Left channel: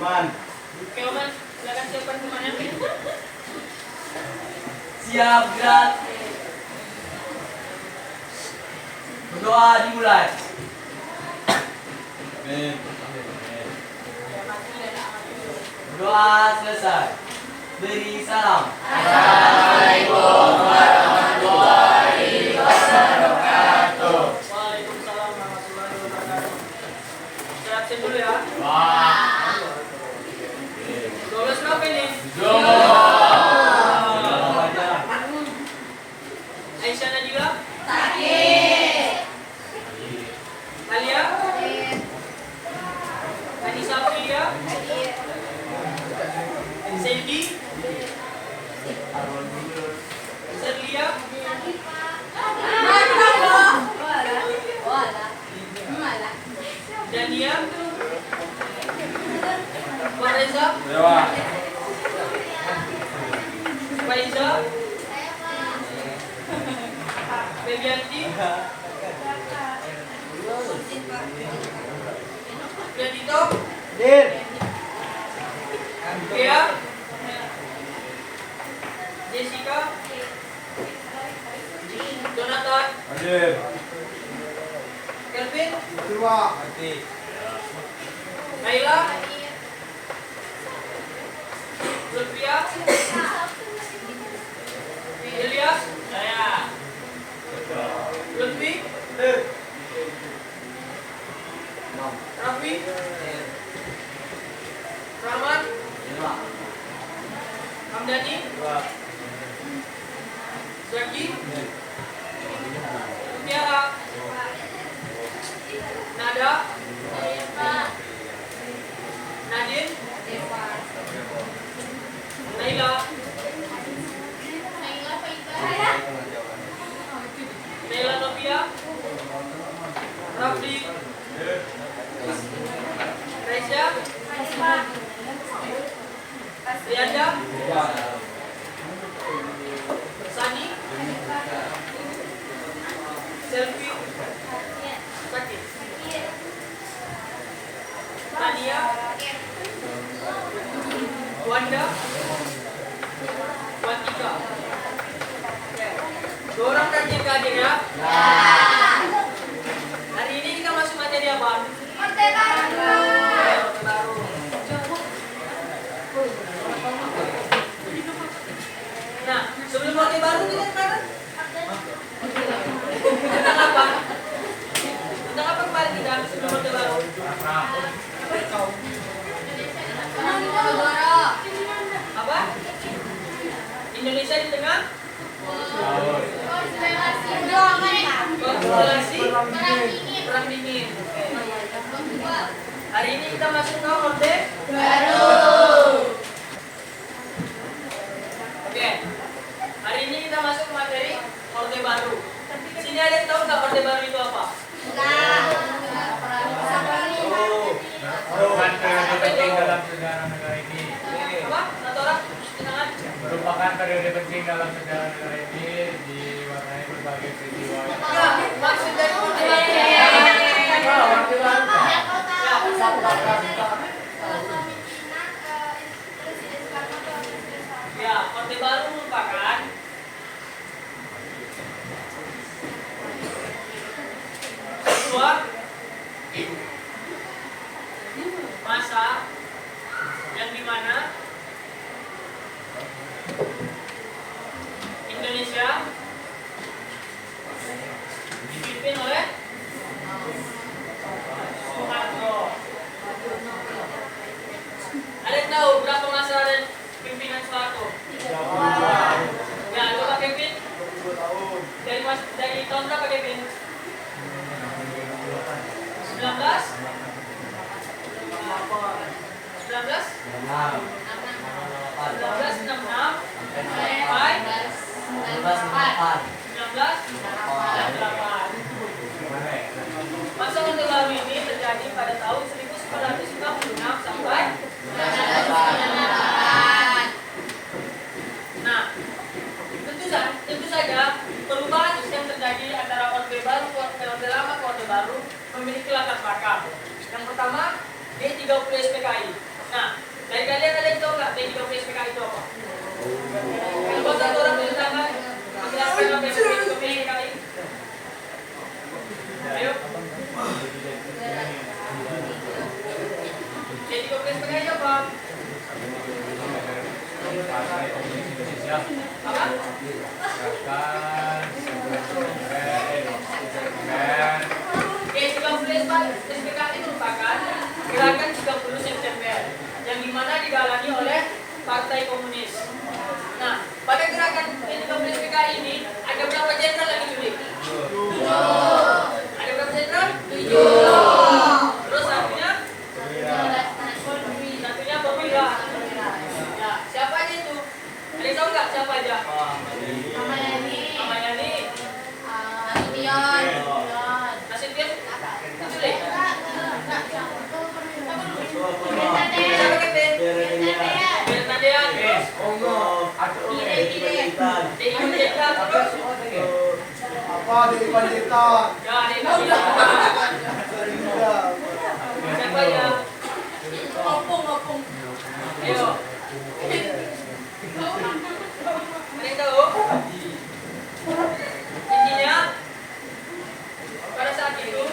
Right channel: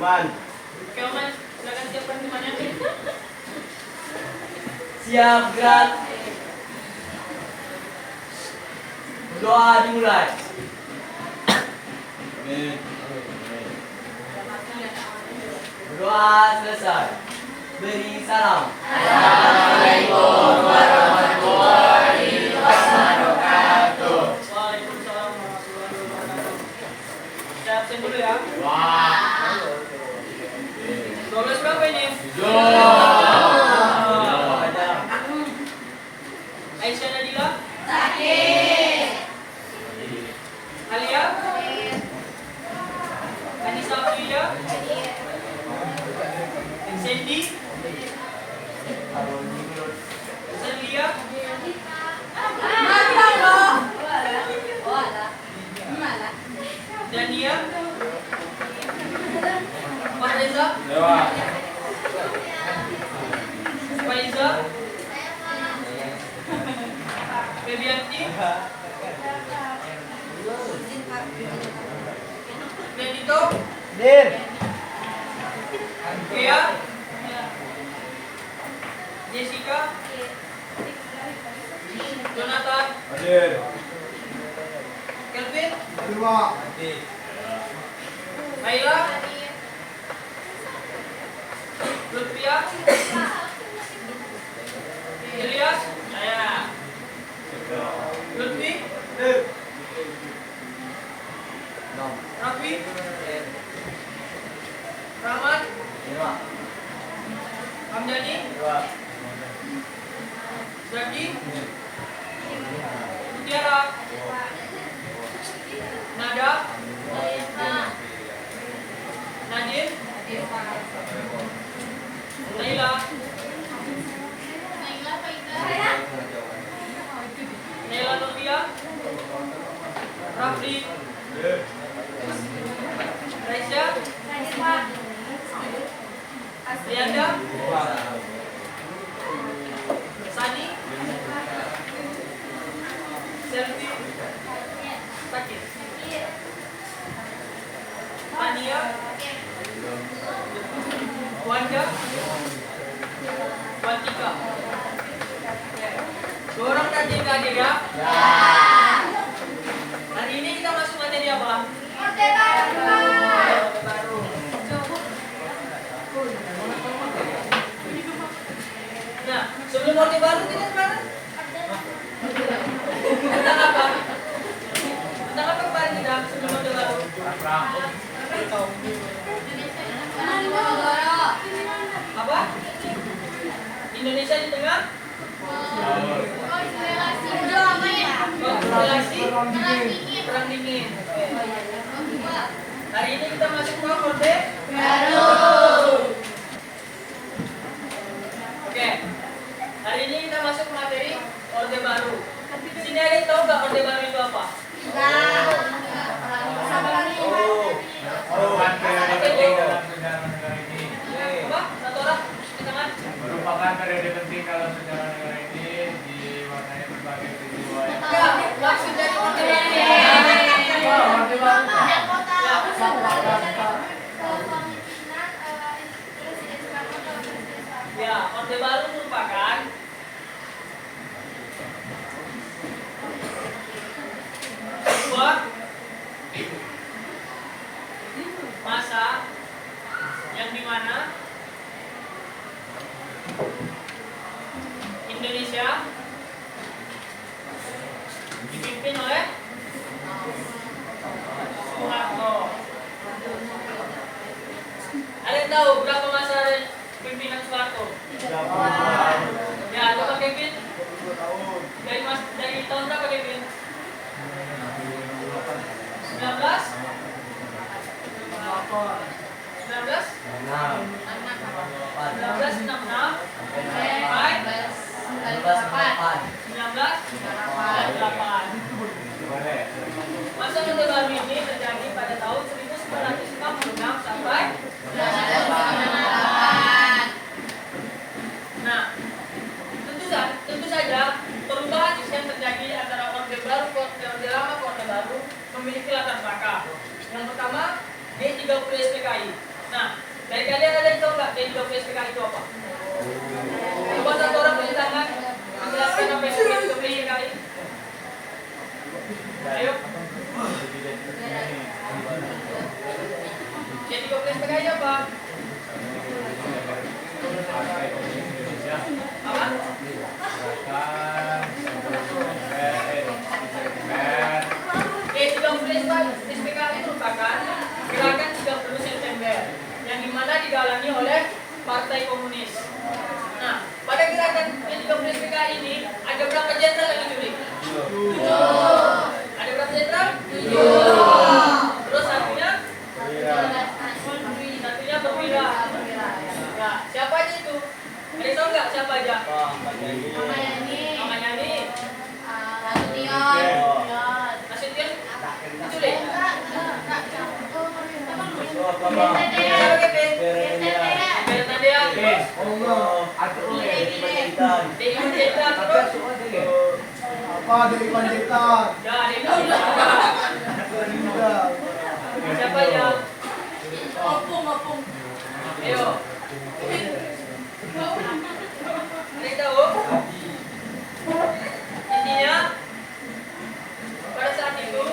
Man. Oke, Oman, silakan siapkan temannya. Siap, gerak. Berdoa dimulai. Berdoa selesai. Beri salam. Assalamualaikum warahmatullahi wabarakatuh. Waalaikumsalam warahmatullahi wabarakatuh. Siap dulu ya. Wah. 12 berapa ini? Aisyah Nadila? Sakit. Alia? Anissa Aprilia? Sandy? Serlia? Dania? Pak Reza? Faiza? Febianti? Benito? Dir. Gea? Jessica? Jonathan? Hadir. Kelvin? Terima. Mati. Naila? Lutfia? Ilyas? Saya. Lutfi? Raffi? Rahman? Hamdani? Zaki? Mutiara? Nada? Nadine? Naila? Naila Novia? Rafli? Raisya? Lianda? Sani? Selfie? Sakit? Tania? Wanda? Wantika? Dua orang rajin kajian ya? Hari ini kita masuk materi apa? Orde Baru. Orde Baru. Nah, sebelum Orde Baru kita kemana? Tentang apa? Tentang apa kemarin kita sebelum Orde Baru? Apa? Indonesia di tengah? Konstelasi perang dingin. Hari ini kita masuk ke Orde Baru. Oke. Hari ini kita masuk ke materi Orde Baru. Sini ada yang tahu nggak Orde Baru itu apa? Merupakan periode penting dalam sejarah negara ini. Apa? Natola? Tenangan? Merupakan periode penting dalam sejarah negara ini diwarnai berbagai peristiwa. Enggak, maksud dari Orde. Ya, Orde Baru merupakan sebuah masa yang dimana Indonesia dipimpin oleh Soeharto. Ada yang tahu berapa masa pimpinan Soeharto? Ya, coba Kevin. Dari tahun berapa Kevin? 19? 19? 1966 sampai 1998. Masa Orde Baru ini terjadi pada tahun 1966 sampai 1998. Nah, tentu saja perubahan yang terjadi antara Orde Baru ke Orde Lama ke Orde Baru memiliki latar belakang. Yang pertama, G30 SPKI. Nah, dari kalian ada yang tahu nggak TGOP SPK itu apa? Coba satu orang tulis tangan. Menjelaskan apa itu TGOP SPK. Ayo. TGOP SPK itu apa? Apa? SPKI merupakan gerakan 30 September yang dimana didalangi oleh Partai Komunis. Nah, pada gerakan 30 SPKI ini ada berapa jenderal yang diculik? 7. Ada berapa jenderal? 7. Terus satunya? Satunya perwira. Ya, siapa aja itu? Ada yang tahu nggak siapa aja? Ramayani. Nasution diculik. Apa dari Panjaitan? Siapa aja? Ayo. Ada yang tahu? Intinya pada saat itu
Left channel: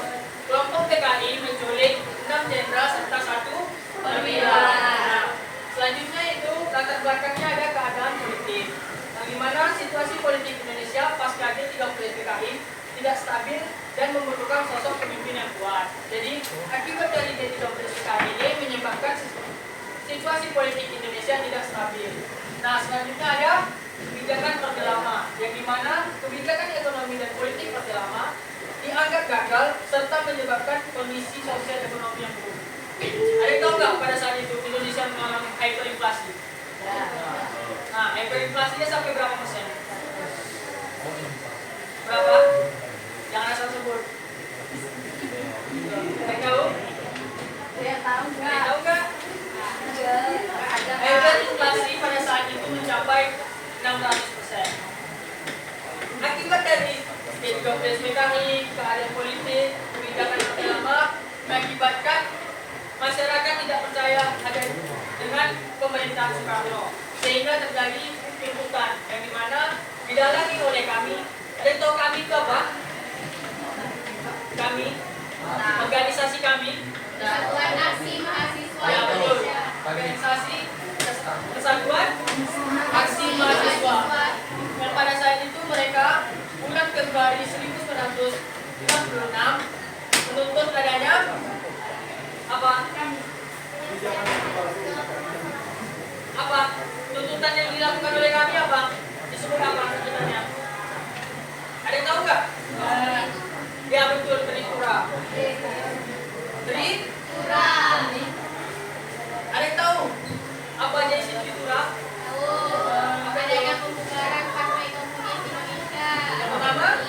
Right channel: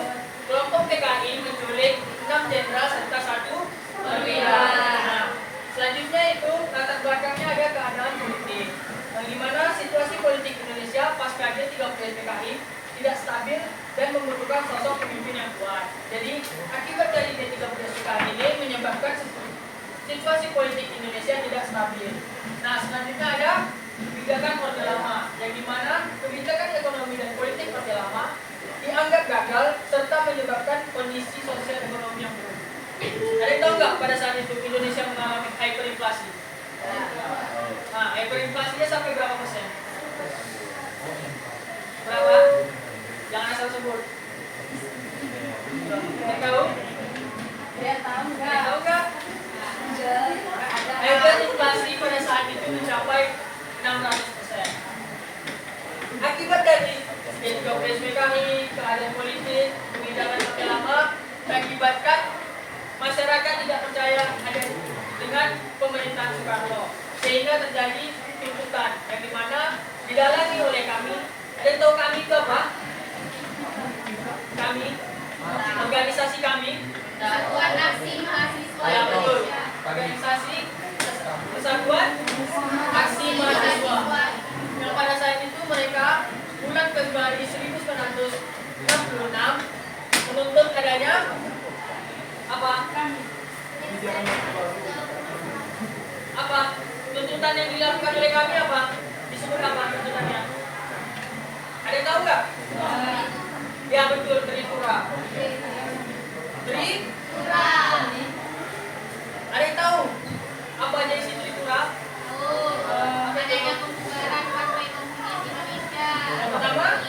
kelompok PKI menculik 6 jenderal serta 1 perwira. Nah, selanjutnya itu latar belakangnya ada keadaan politik. Bagaimana situasi politik Indonesia pasca G30 PKI tidak stabil dan memerlukan sosok pemimpin yang kuat. Jadi akibat dari G30 PKI ini menyebabkan situasi politik Indonesia tidak stabil. Nah, selanjutnya ada kebijakan Orde Lama, yang dimana kebijakan ekonomi dan politik Orde Lama dianggap gagal serta menyebabkan kondisi sosial ekonomi yang buruk. Ada yang tahu nggak pada saat itu Indonesia mengalami hyperinflasi? Nah, hyperinflasinya sampai berapa persen? Berapa? Jangan asal sebut. Ada yang tahu? Ada yang tahu nggak? Hyperinflasi pada saat itu mencapai 600%. Akibat dari G30 PKI, keadaan politik, kebijakan Orde Lama mengakibatkan masyarakat tidak percaya ada dengan pemerintahan Soekarno, sehingga terjadi tuntutan yang dimana didalangi oleh kami. Dan tahu kami itu apa? Kami, organisasi kami. Satuan Aksi Mahasiswa Ya betul. Indonesia. Organisasi Kesatuan Aksi Mahasiswa. Dan pada saat itu mereka bulan Februari 1966 menuntut adanya apa? Apa? Tuntutan yang dilakukan oleh kami apa? Disebut apa tuntutannya? Ada yang tahu nggak? Ya betul, Tritura. Tritura. Ada yang tahu apa aja isi Tritura? Adanya pembubaran Partai Komunis Indonesia. Yang pertama?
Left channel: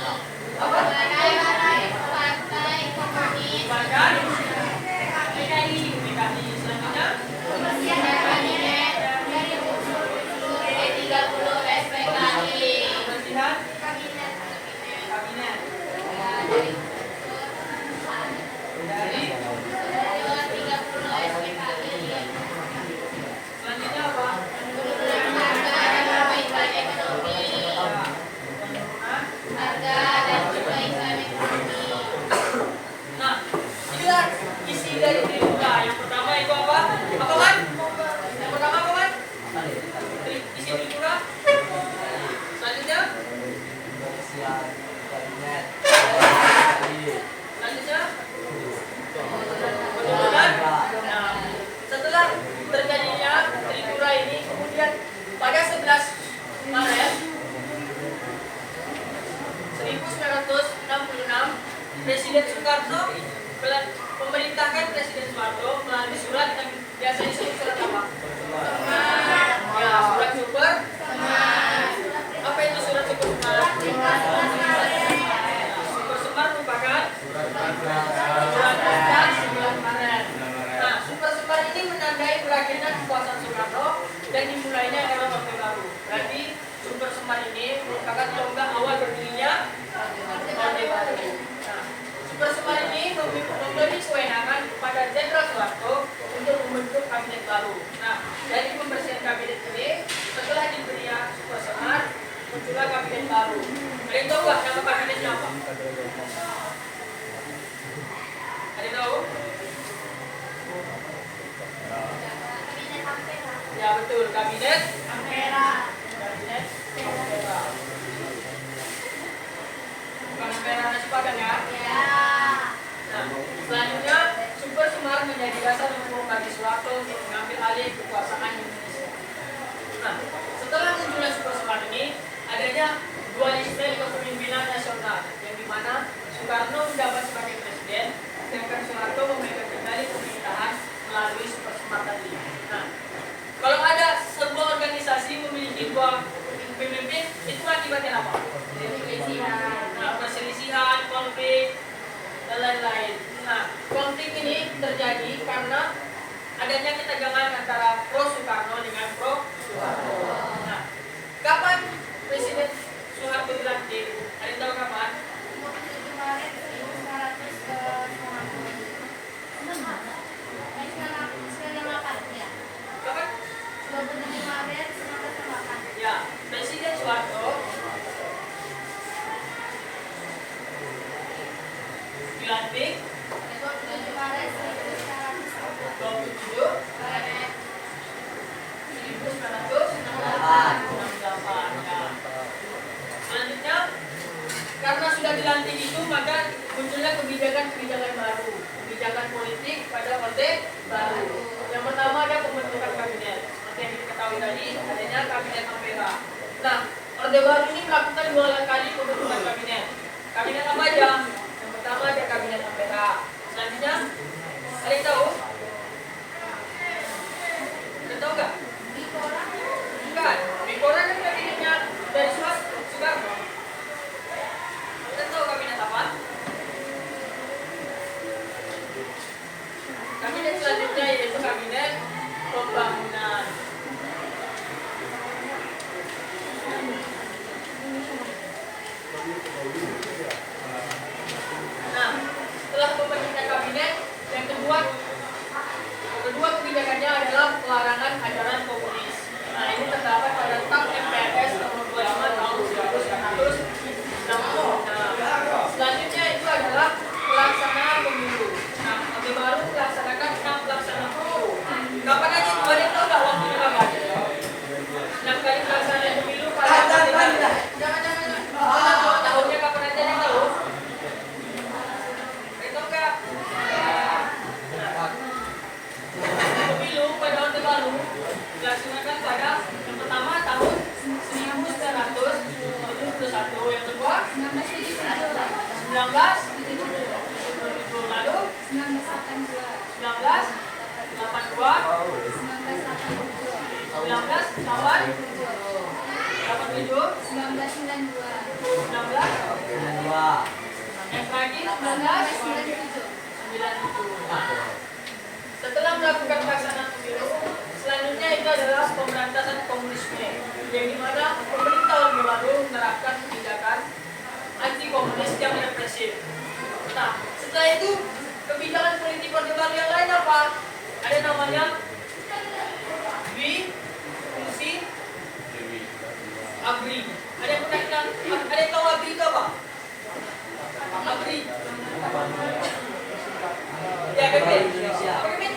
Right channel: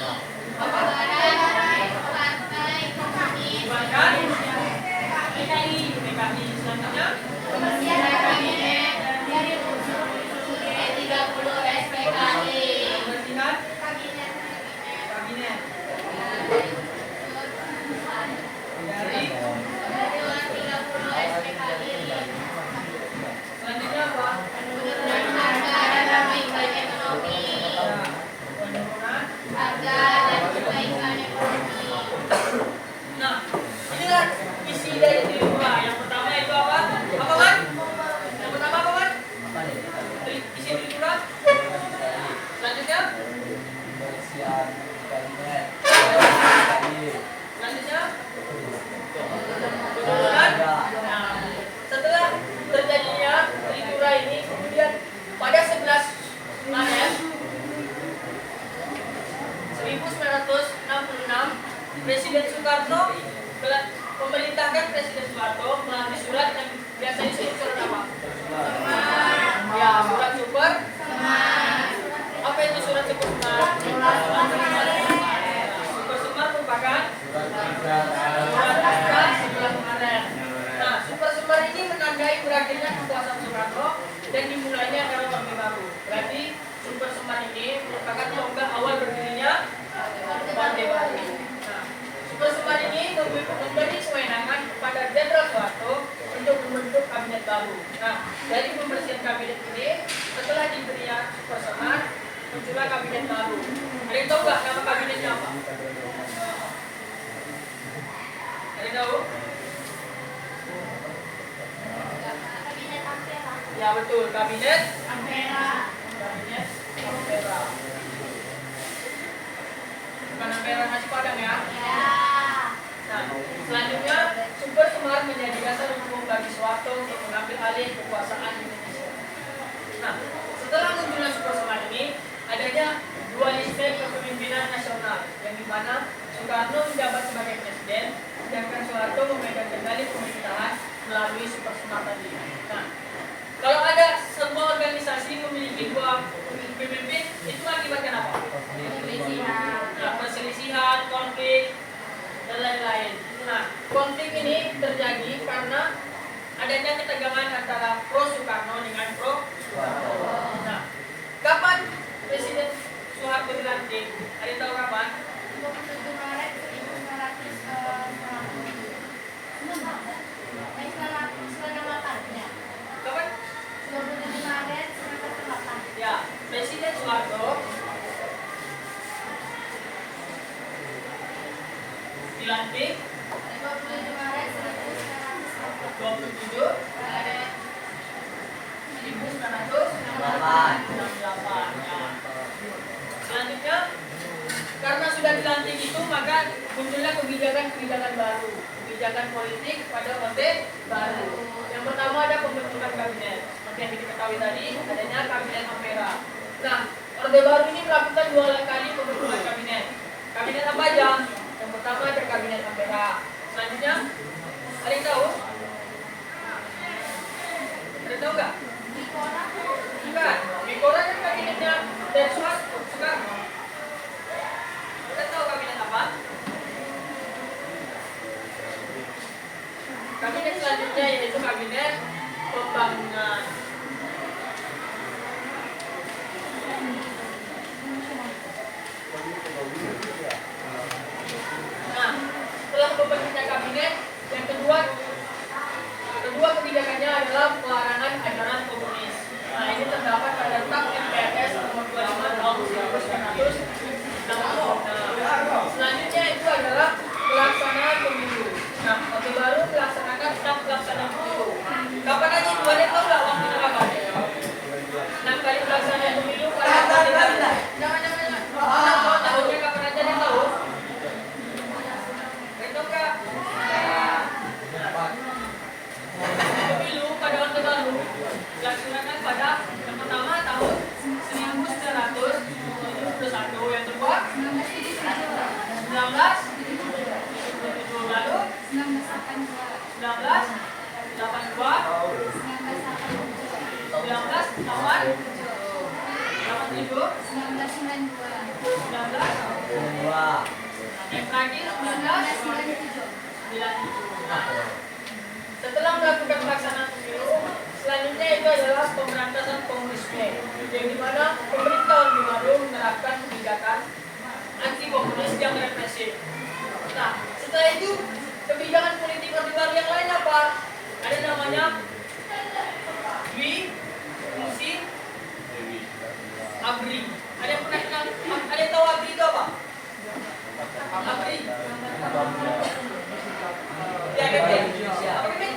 Apa? Pembubaran Partai Komunis Bahkan PKI. PKI selanjutnya Kebersihan kabinet dari unsur G30 SPKI. kebersihan Kabinet. kabinet. Dari Dari 30 SPKI. selanjutnya apa? Penurunan harga dan perbaikan ekonomi. Harga dan perbaikan ekonomi. Nah, inilah isi dari Tritura. Yang pertama itu apa? Apa kan? Yang pertama apa kan? Isi Tritura. Selanjutnya? Pembersihan kabinet. Selanjutnya? Penurunan. Nah, setelah terjadinya Tritura ini, kemudian pada 11 Maret 1966, Presiden Soekarno memerintahkan Presiden Soeharto melalui surat yang biasa disebut surat apa? Ya, surat super. Apa itu surat super semar? Super semar merupakan surat naskah 11 Maret. Nah, super semar ini menandai berakhirnya kekuasaan Soekarno dan dimulainya era Orde Baru. Berarti super semar ini merupakan tonggak awal berdirinya Orde Baru. Nah, super semar ini memberi kewenangan kepada Jenderal Soeharto untuk membentuk kabinet baru. Nah, dari pembersihan kabinet ini, setelah diberi supersenar, muncullah kabinet baru. Ada yang tahu nggak nama kabinetnya apa? Ada yang tahu? Kabinet Ampera. Ya betul, kabinet Ampera. Kabinet Ampera. Bukan Ampera nasi padang ya. Ya. Nah, selanjutnya Super Semar menjadi dasar untuk membagi Soeharto untuk mengambil alih kekuasaan Indonesia. Nah, setelah munculnya Super Semar ini, adanya dualisme kepemimpinan nasional, yang dimana Soekarno menjabat sebagai presiden, sedangkan Soeharto memegang kendali pemerintahan melalui Super Semar tadi. Nah, kalau ada sebuah organisasi memiliki dua pemimpin, itu akibatnya apa? Nah, perselisihan, konflik, dan lain-lain. Nah, konflik ini terjadi karena adanya ketegangan antara pro Soekarno dengan pro Soeharto. Nah, kapan Presiden Soeharto dilantik? Ada yang tahu kapan? 27 Maret 1998 ya. Kapan? 27 Maret 1998. Ya, Presiden Soeharto dilantik 27 Maret 1998. 27 Maret 1968. Nah, selanjutnya, karena sudah dilantik itu, maka munculnya kebijakan-kebijakan baru, kebijakan politik pada orde baru. Yang pertama ada pembentukan kabinet. Seperti yang diketahui tadi, adanya kabinet Ampera. Nah, orde baru ini melakukan 2 kali pembentukan kabinet. Kabinet apa aja? Yang pertama ada kabinet Ampera. Selanjutnya, ada yang tahu? Ada yang tahu nggak? Bukan, Bikoran itu kabinetnya dari Soekarno. Kita tahu kabinet apa? Kabinet selanjutnya yaitu kabinet pembangunan. Nah, setelah pembentukan kabinet, yang kedua kebijakannya adalah pelarangan ajaran komunis. Nah, ini terdapat pada Tap MPRS nomor 25 tahun 1960. Nah, selanjutnya itu adalah pelaksanaan pemilu. Nah, Orde Baru melaksanakan 6 pelaksanaan pemilu. Kapan aja itu? Ada yang tahu nggak waktunya kapan? 6 kali pelaksanaan pemilu pada Orde Baru. Tahunnya kapan aja, ada yang tahu? Ada yang tahu nggak? Pemilu pada Orde Baru dilaksanakan pada yang pertama tahun 1971, yang kedua 1977, lalu 1982, 1987, yang terakhir 1997. Setelah melakukan pelaksanaan pemilu, selanjutnya itu adalah pemberantasan komunisme, yang dimana pemerintah Orde Baru menerapkan kebijakan anti komunis yang represif. Nah, setelah itu kebijakan politik Orde Baru yang lain apa? Ada namanya Fungsi ABRI. Ada yang pernah bilang? Ada yang tahu ABRI itu apa? ABRI. Ya, Kevin. Apa Kevin?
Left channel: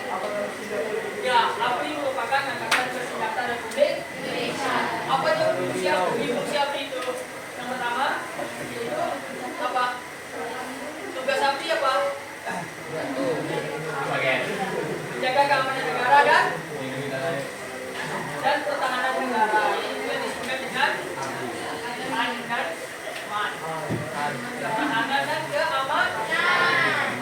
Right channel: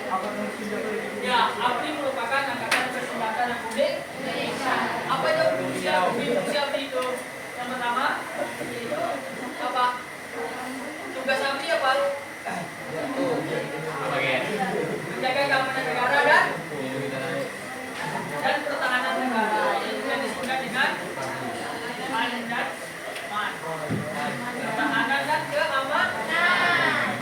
Ya, ABRI merupakan Angkatan Bersenjata Republik Indonesia. Apa itu fungsi ABRI itu? Yang pertama, yaitu apa? Tugas ABRI apa? Menjaga keamanan negara dan pertahanan negara, yang juga disebut dengan AN dan MAN. Pertahanan dan keamanan.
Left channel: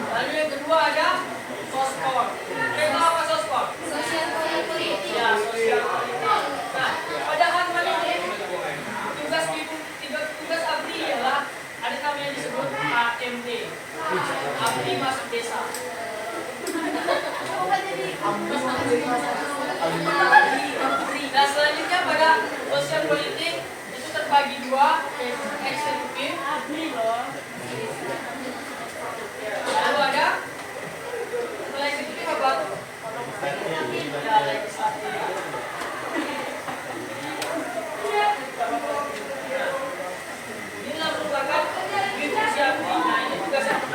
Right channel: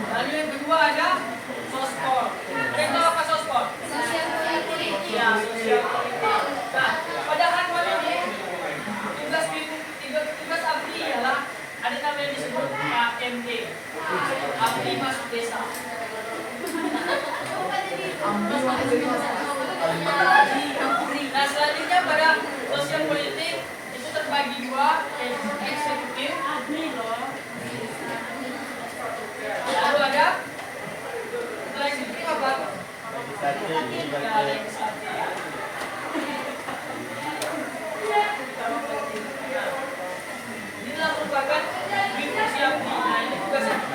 Lalu yang kedua ada Sospol. Ada yang tahu apa Sospol? Sosial politik. Ya, sosial politik. Nah, pada hal ini tugas ABRI ialah ada nama yang disebut AMD. ABRI masuk desa. Nah, selanjutnya pada sosial politik itu terbagi dua, eksekutif, lalu ada setelah eksekutif apa? Ya,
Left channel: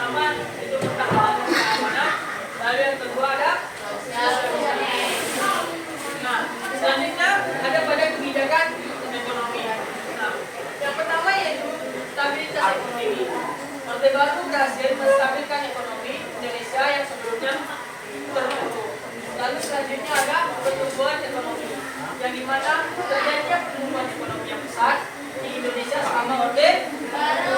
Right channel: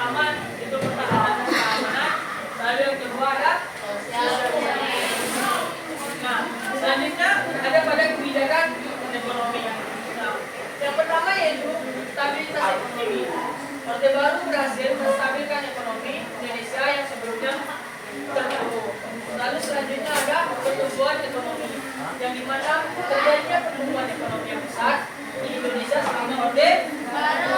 pertama itu pertahanan dan keamanan, lalu yang kedua ada sosial budaya. Nah, selanjutnya ada pada kebijakan ekonomi. Nah, yang pertama yaitu stabilitas ekonomi. Orde Baru berhasil menstabilkan ekonomi Indonesia yang sebelumnya terpuruk. Lalu selanjutnya ada pertumbuhan ekonomi, yang dimana terjadinya pertumbuhan ekonomi yang besar di Indonesia selama Orde Baru.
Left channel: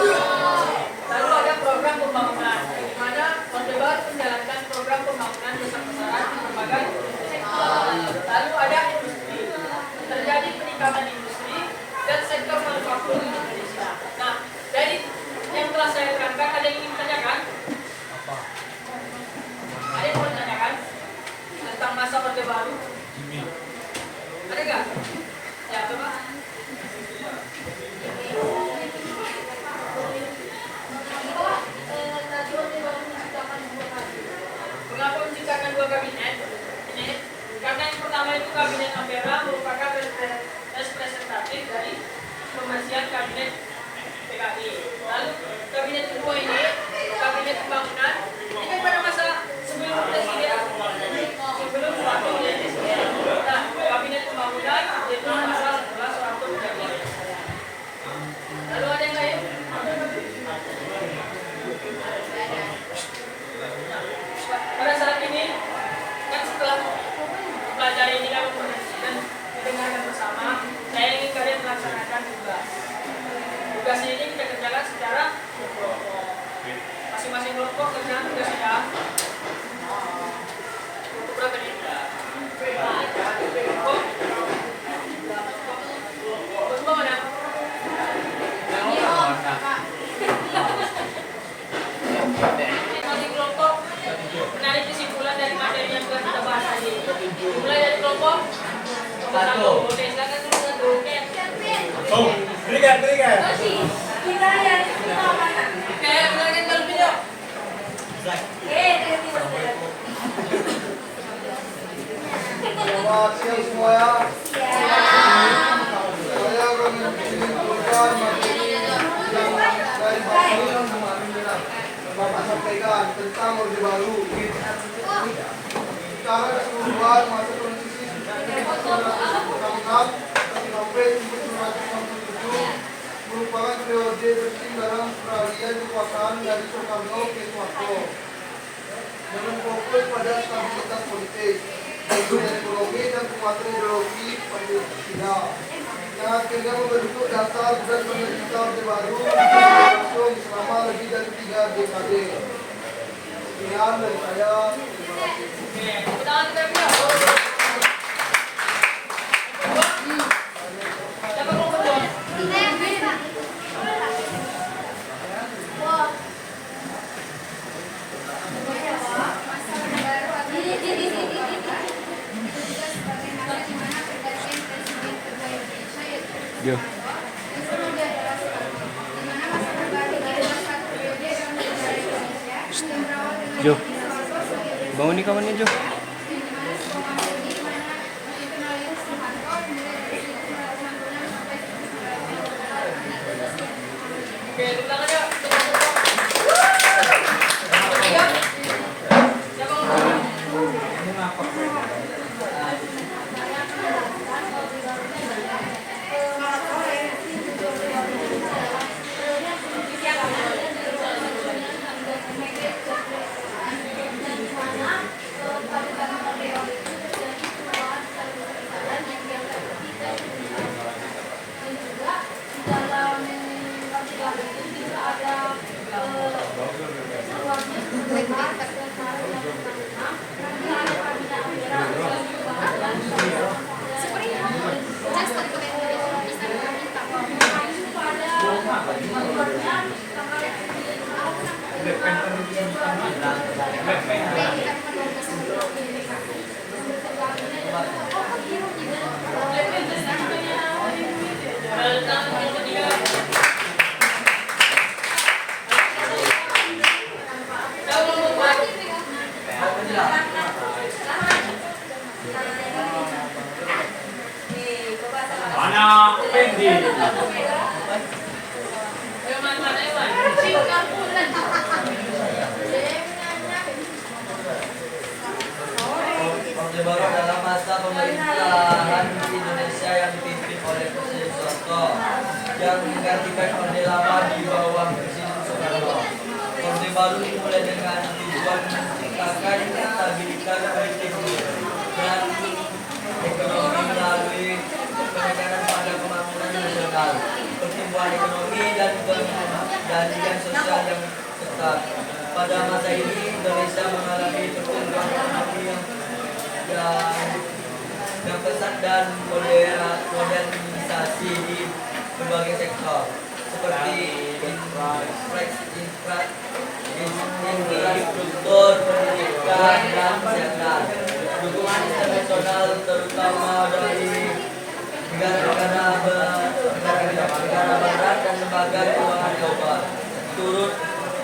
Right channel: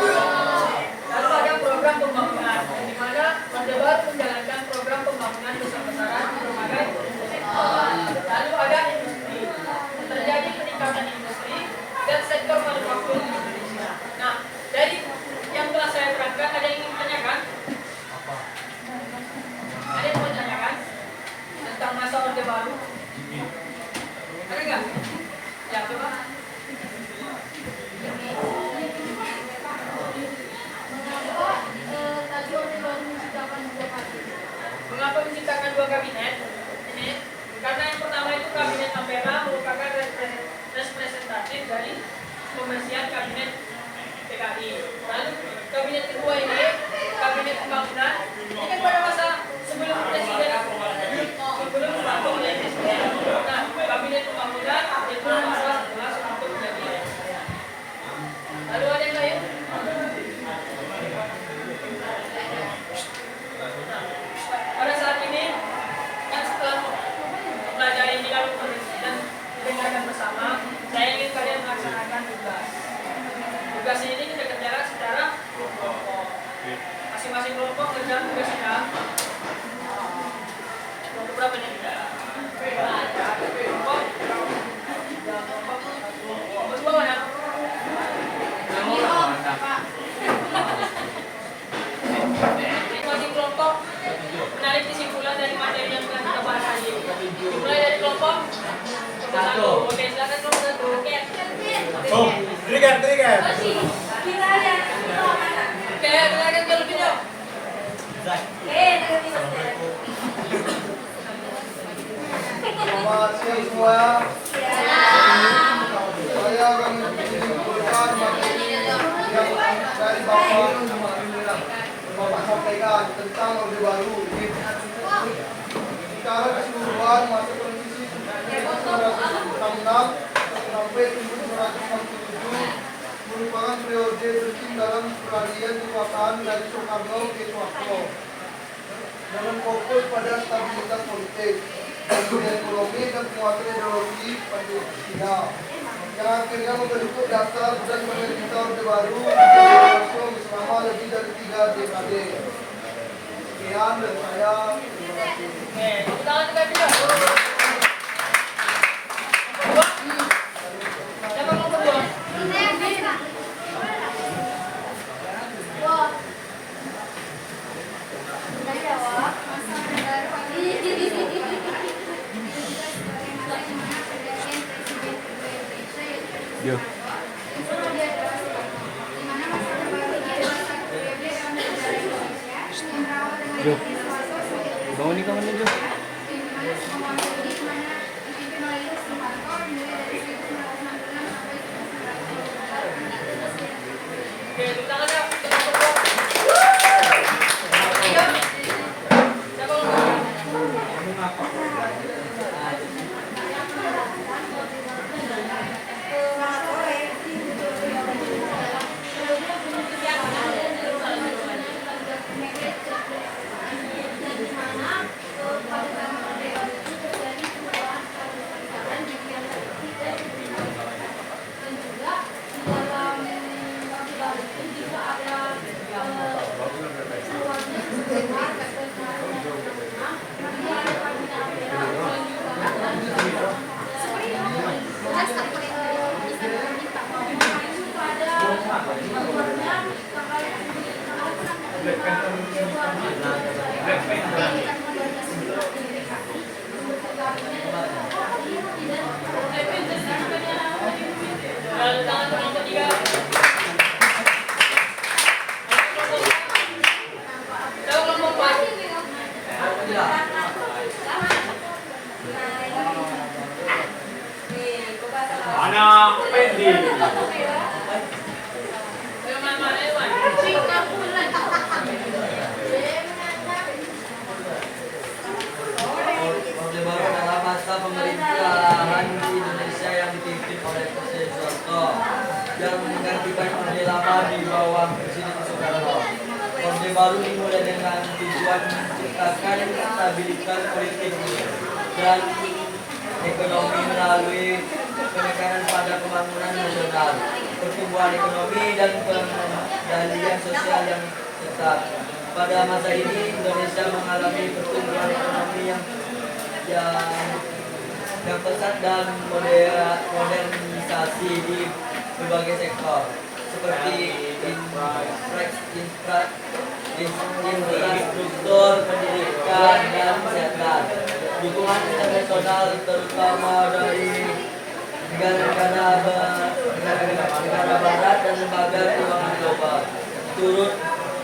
Lalu ada program pembangunan, yang dimana Orde Baru menjalankan program pembangunan besar-besaran di berbagai sektor. Lalu ada industri, terjadi peningkatan industri dan sektor manufaktur di Indonesia. Nah, dari yang telah saya terangkan, ada yang ingin ditanyakan? Ada yang mau ditanyakan tentang masa Orde Baru? Ada nggak? Ya, coba. Tadi Orde Baru menciptakan 2 kabinet. Mengapa menciptakan 2 kabinet? Ini karena yang pertama itu kabinet Ampera merupakan representatif dari pembersihan kabinet PKI. Lalu kabinet kedua ini kabinet pembangunan. Ini kan pada masa sebelum presiden, sebelum Soeharto menjadi presiden. Nah, kabinet pembangunan itu masa setelah Soeharto menjadi presiden. Lalu ada yang lain? Pada saat ini kan setelah pelajari ini kan dan dengarkan bersama, saya ingin kalian melaksanakan tugas. Tugasnya ini kita kerjakan secara kelompok. Masing-masing kelompok kerjaan tugasnya berapa nih? Kelompok kedua mana? Masing kelompok menarik kesimpulan dari materi yang telah kita bahas tadi. Dimulai dari kelompok satu. Oke, silakan kelompok satu. Oke. Oh, trigger. Kita lihat Oke, silakan terlebih dahulu. Selamat siang semua ya. Saya akan menyimpulkan materi yang dari Bapak sampaikan tentang Orde Baru. Secara keseluruhan masa transisi 1966 sampai 1967 merupakan periode penting dalam peralihan kekuasaan dari Soekarno ke Soeharto dengan fokus pada stabilitas politik, pemulihan ekonomi dan penguatan ideologi Pancasila yang akhirnya membentuk dasar dan pemerintah Orde Baru berlangsung selama lebih dari 3 dekade. Sekian dari saya. Terima kasih. Oke, tepuk tangan terlebih dahulu. Siapa kelompok dua? Yo. Jo. Bangun nih kawannya Jo. Oke, tepuk tangan ya. Siapa kelompok dua? Ada Sekto yang menggantikan Orde Lama di bawah Presiden Soekarno. Orde baru dimulai dengan tujuan menciptakan stabilitas politik dan ekonomi melalui penekanan pada pembangunan nasional, pertumbuhan ekonomi dan pengendalian sosial yang ketat. Pada masa ini Indonesia mengalami pertumbuhan ekonomi yang pesat dan modernisasi di berbagai sektor seperti infrastruktur, pendidikan, dan kesehatan. Dukungan internasional terutama dari negara barat dan lembaga keuangan global turut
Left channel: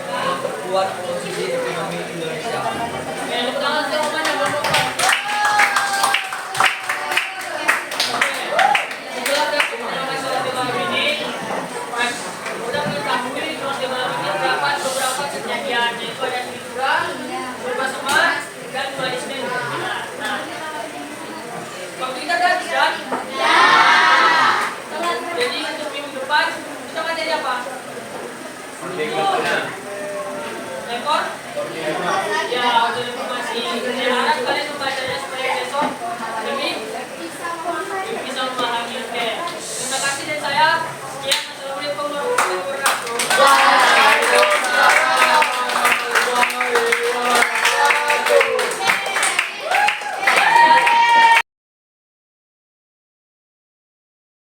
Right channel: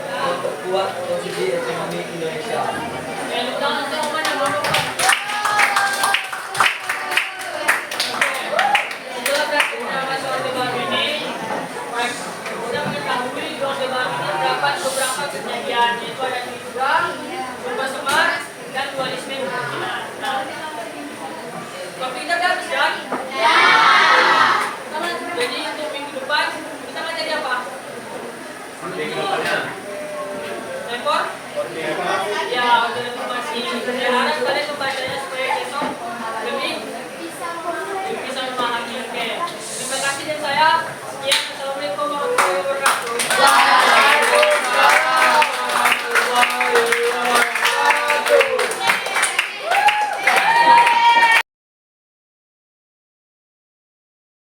memperkuat posisi ekonomi Indonesia. Tepuk tangan semuanya untuk setelah rekapitulasi Orde Baru ini, sudah mengetahui Orde Baru ini terdapat beberapa kejadian, yaitu ada Tribura, Purba Semar, dan dualisme kepemimpinan. Nah, waktu kita udah habis kan? Ya. Jadi untuk minggu depan kita ngajar apa? Orde kedepannya. Rekor? Orde. Ya, untuk informasi. Saya harap kalian membacanya